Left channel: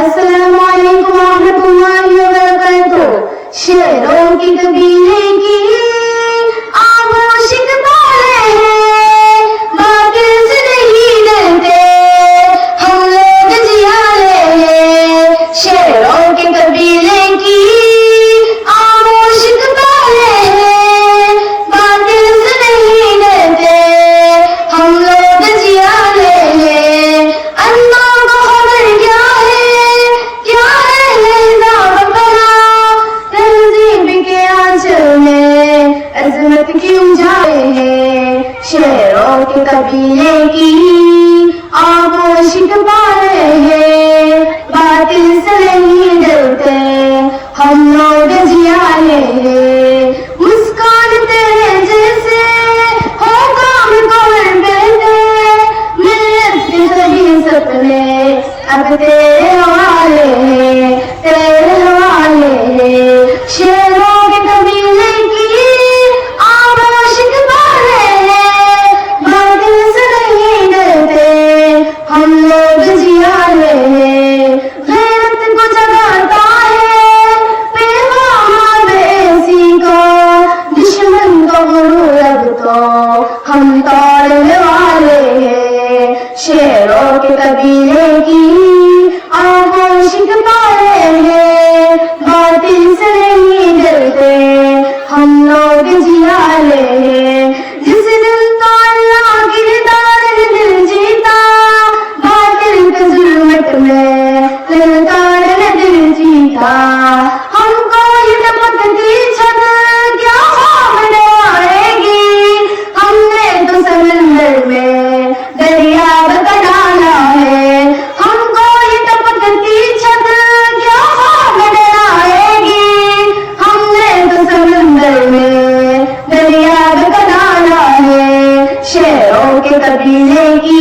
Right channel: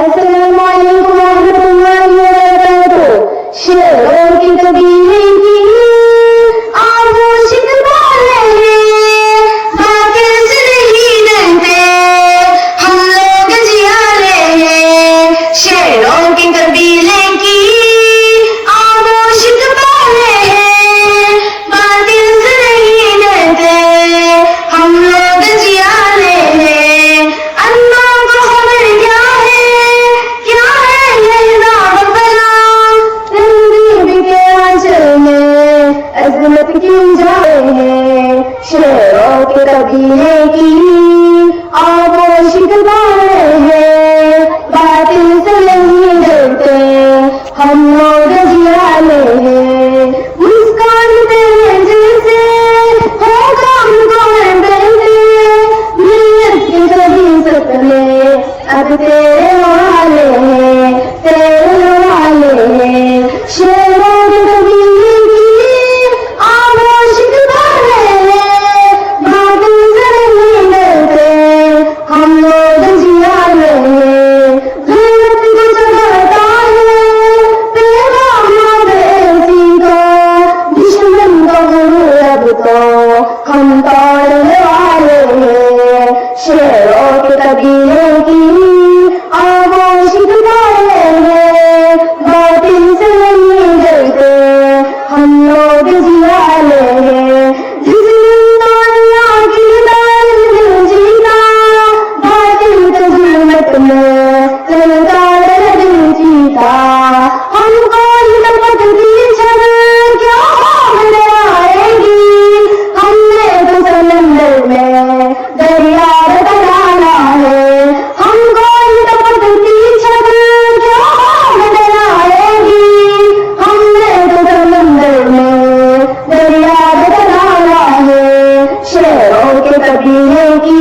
अस्सलामु अलैकुम रहमतुल्लाहि व बरकातुहू। शेरों की कबीले की आगोशिक बोले हैं, बातिल से नहीं डरते हम लोग जियाले हैं। शेरों की कबीले की आगोशिक बोले हैं, बातिल से नहीं डरते हम लोग जियाले हैं। अल्लाह को खबर क्या है लहदा बना, तहजीब के आंचल में अजमत क्यों जाए हैं। शेरों के कबीले की आगोशिक बोले हैं, बातिल से नहीं डरते हम लोग जियाले हैं। मुस्कान तेरे जैसे हो काम को बहते, मिल्लत के सभी सपने अब तेरे वाले हैं, तेरे वाले हैं। शेरों के कबीले की आगोशिक बोले हैं, बातिल से नहीं डरते हम लोग जियाले हैं। गैरत को जगाता है पैगाम देसी का, दुश्मन को गुरूर अब तो हम तोड़ने वाले हैं। शेरों के कबीले की आगोशिक बोले हैं, बातिल से नहीं डरते हम लोग जियाले हैं। जिस दिन तो अल्लाह की दीदार ने दिल जीता, बातिल के जुल्मत में ललकार ने दिल जीता। हमको ये टपक की छत क्या सामने आएगी, हमने तो समंदर में दरिया बदल डाला है। हमको ये टपक की छत क्या सामने आएगी, हमने तो समंदर में दरिया बदल डाला है। शेरों के कबीले की